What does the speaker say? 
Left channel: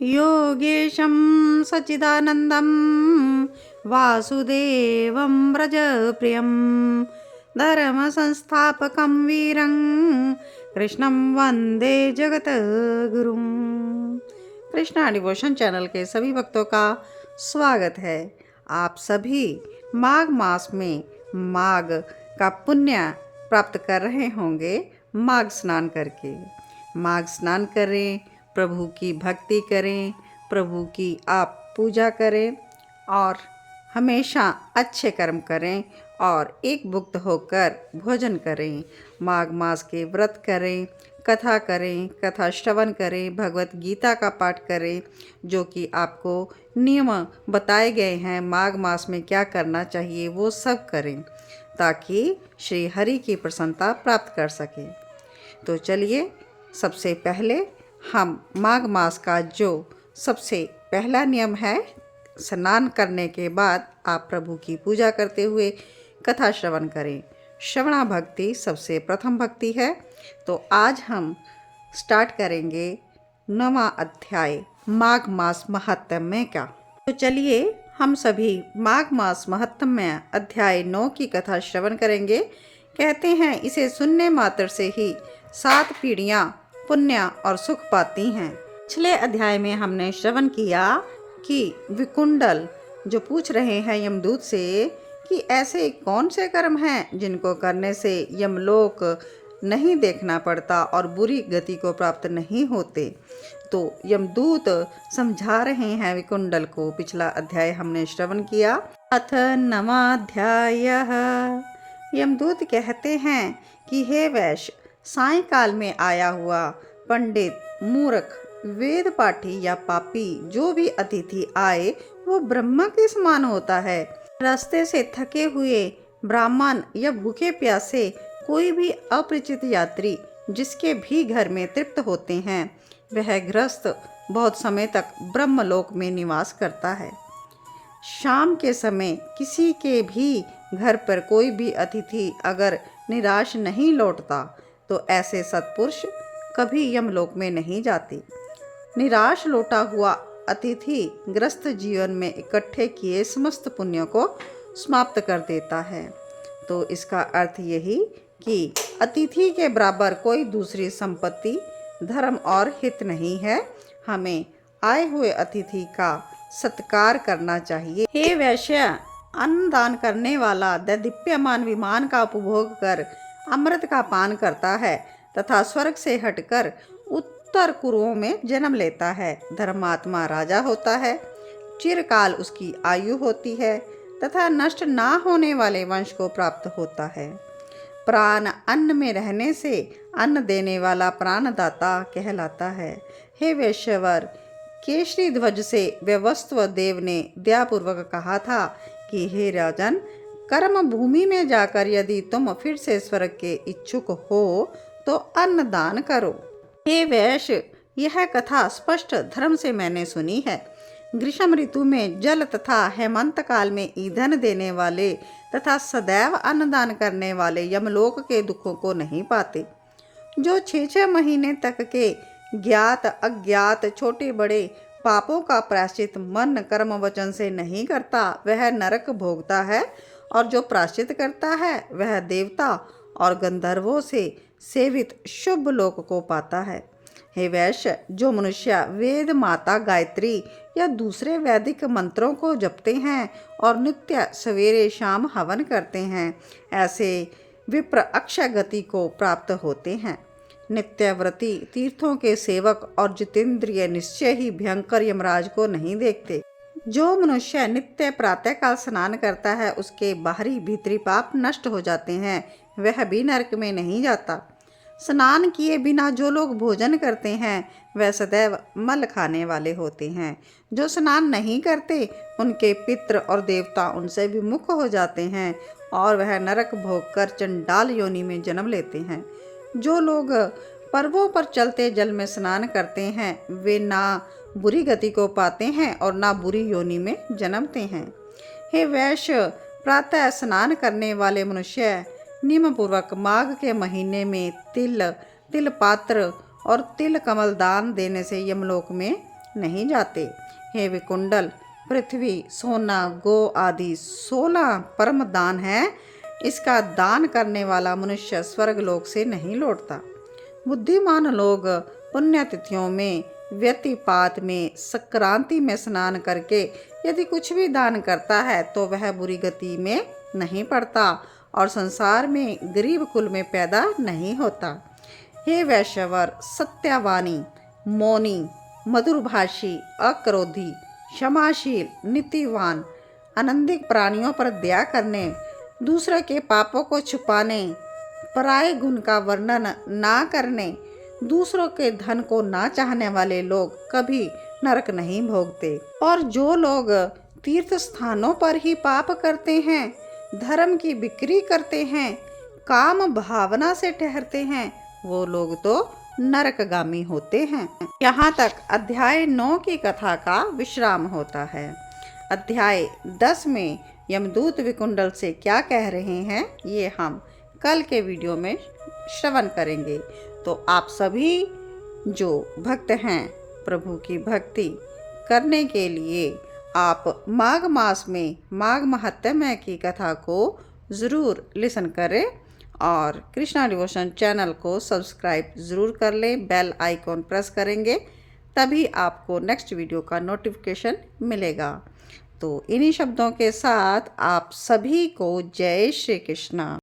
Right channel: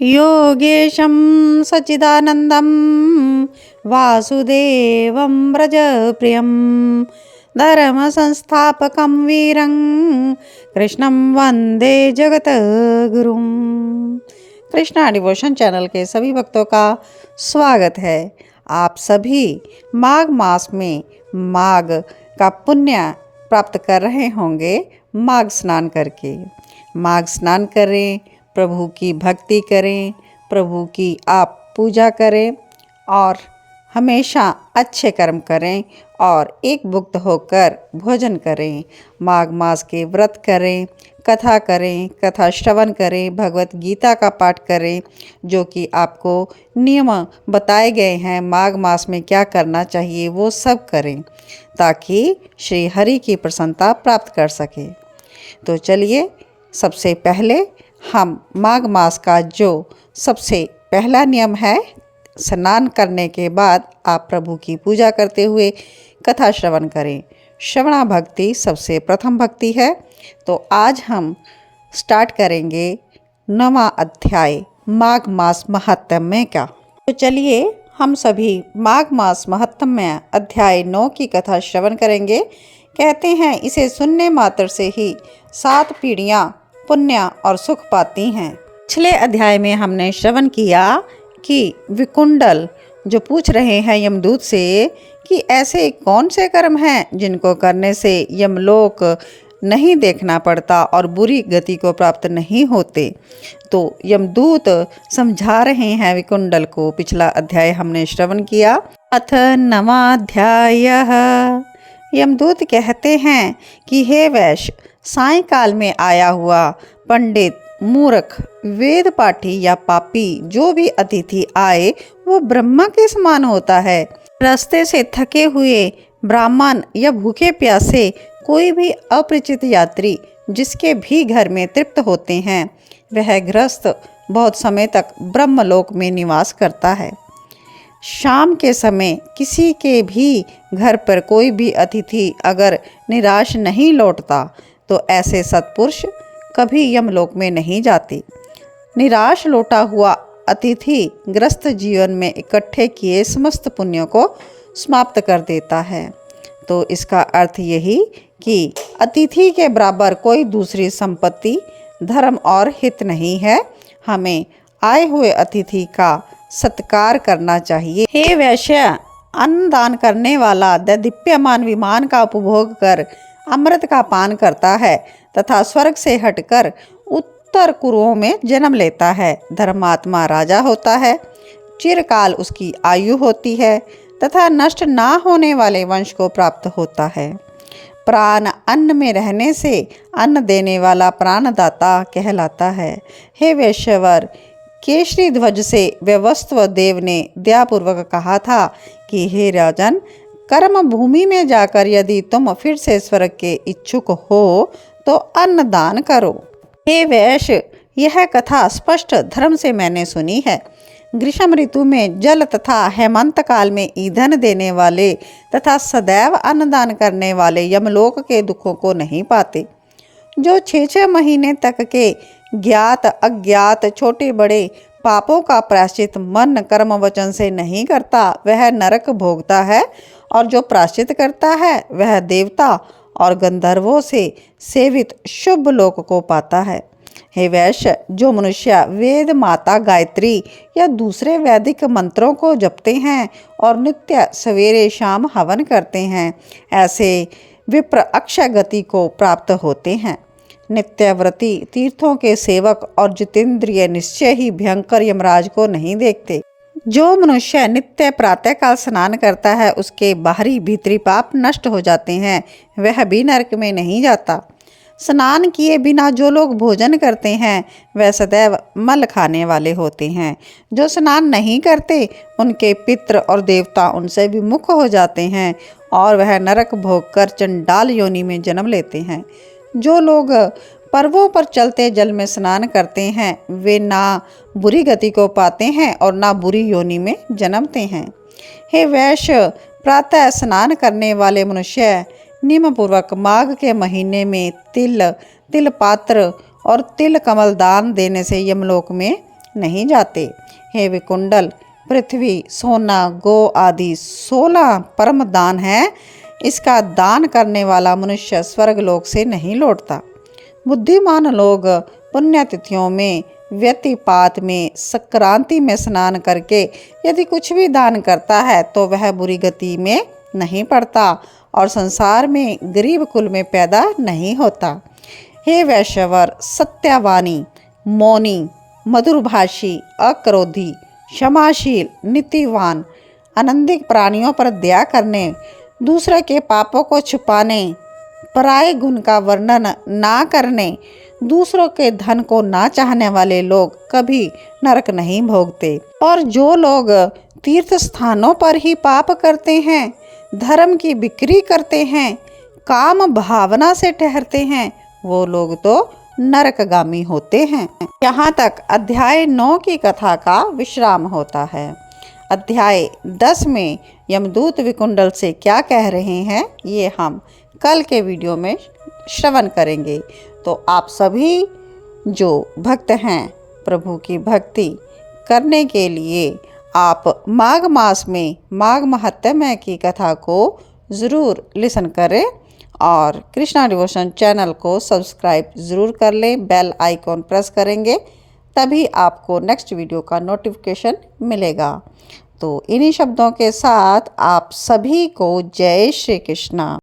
योगेशं सच्चिदानन्दं वासुदेवं व्रजप्रियं धर्मसंस्थापकं वीरं कृष्णं वंदे जगद्गुरुं। कृष्णा डिवोशन चैनल के सभी भक्तों का स्वागत है। आप सभी माघ मास में माघ का पुण्य प्राप्त कर रहे होंगे माघ स्नान करके। माघ स्नान करें, प्रभु की भक्ति करें, प्रभु की आप पूजा करें और हमेशा अच्छे कर्म करें और एकभुक्त होकर भोजन करें। माघ मास के व्रत करें, कथा करें, कथा श्रवण करें, भगवत गीता का पाठ करें, जो कि आपको नियम बताए गए हैं माघ मास में क्या करना चाहिए वो सब करें ताकि श्री हरि की प्रसन्नता प्राप्त कर सके। तो चलिए, सबसे पहले हम माघ मास का जो सबसे पहला नियम है, स्नान करने के बाद आप प्रभु की पूजा करते हुए कथा श्रवण करें। श्रवणा भक्ति सबसे प्रथम भक्ति है। तो आज हम स्टार्ट करेंगे 9वां अध्याय माघ मास महात्म्य का। तो चलिए, हम सभी माघ मास महात्म्य अध्याय 9 की कथा श्रवण करेंगे। कहते हैं, इसे सुनने मात्र से ही 7 पीढ़ियाँ पुण्य और सुख पाती हैं। पिछले अध्याय में हमने श्रवण किया कि विकुंडल जो पूछ रहे हैं यमदूत से कि ऐसे कौन से कर्म हैं जिनको करने से यमलोक नहीं देखना पड़ता और बुरी गति को प्राप्त नहीं होते। तो यमदूत समझा रहे हैं विकुंडल को। पिछला अध्याय हमने श्रवण किया। अथ 9वां अध्याय। यमदूत कहते हैं कि हे वैश्य, सायंकाल में आया हुआ पंडित, मूर्ख, वेद पाठी या पापी जो भी अतिथि आए वो ब्रह्मा के समान होता है। रास्ते से थके हुए ब्राह्मण या भूखे प्यासे कोई भी अपरिचित यात्री जिसके भी घर में तृप्त होते हैं, वह गृहस्थ बहुत समय तक ब्रह्मलोक में निवास करता है। शाम के समय किसी के भी घर पर कोई भी अतिथि अगर निराश नहीं लौटता तो ऐसे सत्पुरुष कभी यमलोक में नहीं जाते। निराश लौटा हुआ अतिथि ग्रस्त जीवन में इकट्ठे किए समस्त पुण्यों को समाप्त कर देता है। तो इसका अर्थ यही कि अतिथि के बराबर कोई दूसरी संपत्ति, धर्म और हित नहीं है। हमें आए हुए अतिथि का सत्कार करना चाहिए। हे वैश्य, अन्न दान करने वाला दैदीप्यमान विमान का उपभोग कर अमृत का पान करता है तथा स्वर्ग से हटकर उत्तर कुरुओं में जन्म लेता है। धर्मात्मा राजा होता है, चिरकाल उसकी आयु होती है तथा नष्ट ना होने वाले वंश को प्राप्त होता है। प्राण अन्न में रहने से अन्न देने वाला प्राणदाता कहलाता है। हे वैश्यवर, केशरी ध्वज से व्यवस्व देव ने दयापूर्वक कहा था कि हे राजन, कर्म भूमि में जाकर यदि तुम फिर से स्वर्ग के इच्छुक हो तो अन्न दान करो। हे वैश्य, यह कथा स्पष्ट धर्म से मैंने सुनी है। ग्रीष्म ऋतु में जल तथा हेमंत काल में ईंधन देने वाले तथा सदैव अन्नदान करने वाले यमलोक के दुखों को नहीं पाते। जो 6 महीने तक के ज्ञात अज्ञात छोटे बड़े पापों का प्रायश्चित मन कर्म वचन से नहीं करता वह नरक भोगता है, और जो प्रायश्चित करता है वह देवता और गंधर्वों से सेवित शुभ लोक को पाता है। हे वैश्य, जो मनुष्य वेद माता गायत्री या दूसरे वैदिक मंत्रों को जपते हैं और नित्य सवेरे शाम हवन करते हैं, ऐसे विप्र अक्षय गति को प्राप्त होते हैं। नित्यव्रती, तीर्थों के सेवक और जितेंद्रिय निश्चय ही भयंकर यमराज को नहीं देखते। जो मनुष्य नित्य प्रातःकाल स्नान करता है उसके बाहरी भीतरी पाप नष्ट हो जाते हैं, वह भी नरक में नहीं जाता। स्नान किए बिना जो लोग भोजन करते हैं वह सदैव मल खाने वाले होते हैं। जो स्नान नहीं करते उनके पितृ और देवता उनसे विमुख हो जाते हैं और वह नरक भोग कर चंडाल योनि में जन्म लेते हैं। जो लोग पर्वों पर चलते जल में स्नान करते हैं वे ना बुरी गति को पाते हैं और ना बुरी योनि में जन्मते हैं। हे वैश्य, प्रातः स्नान करने वाले मनुष्य नियमपूर्वक माघ के महीने में तिल पात्र और तिल कमल दान देने से यमलोक में नहीं जाते। हे विकुंडल, पृथ्वी, सोना, गो आदि 16 परम दान है। इसका दान करने वाला मनुष्य स्वर्गलोक से नहीं लौटता। बुद्धिमान लोग पुण्यतिथियों में, व्यतिपात में, संक्रांति में स्नान करके यदि कुछ भी दान करता है तो वह बुरी गति में नहीं पड़ता और संसार में गरीब कुल में पैदा नहीं होता। हे वैश्यवर, सत्यवानी, मौनी, मधुरभाषी, अक्रोधी, क्षमाशील, नीतिवान, आनंदित प्राणियों पर दया करने, दूसरे के पापों को छुपाने, पराये गुण का वर्णन ना करने, दूसरों के धन को ना चाहने वाले लोग कभी नरक नहीं भोगते। और जो लोग तीर्थ स्थानों पर ही पाप करते हैं, धर्म की बिक्री करते हैं, काम भावना से ठहरते हैं, वो लोग तो नरकगामी होते हैं। यहाँ तक अध्याय 9 की कथा का विश्राम होता है। अध्याय 10 में यमदूत विकुंडल से क्या कह रहे हैं ये हम कल के वीडियो में श्रवण करेंगे। तो आप सभी जो भक्त हैं, प्रभु की भक्ति करने के लिए आप माघ मास में माघ महात्म्य की कथा को ज़रूर लिसन करें और कृष्णा डिवोशन चैनल को सब्सक्राइब ज़रूर कर लें। बेल आइकॉन प्रेस करेंगे तभी आपको नेक्स्ट वीडियो का नोटिफिकेशन मिलेगा। तो इन्हीं शब्दों के साथ आप सभी को जय श्री कृष्णा।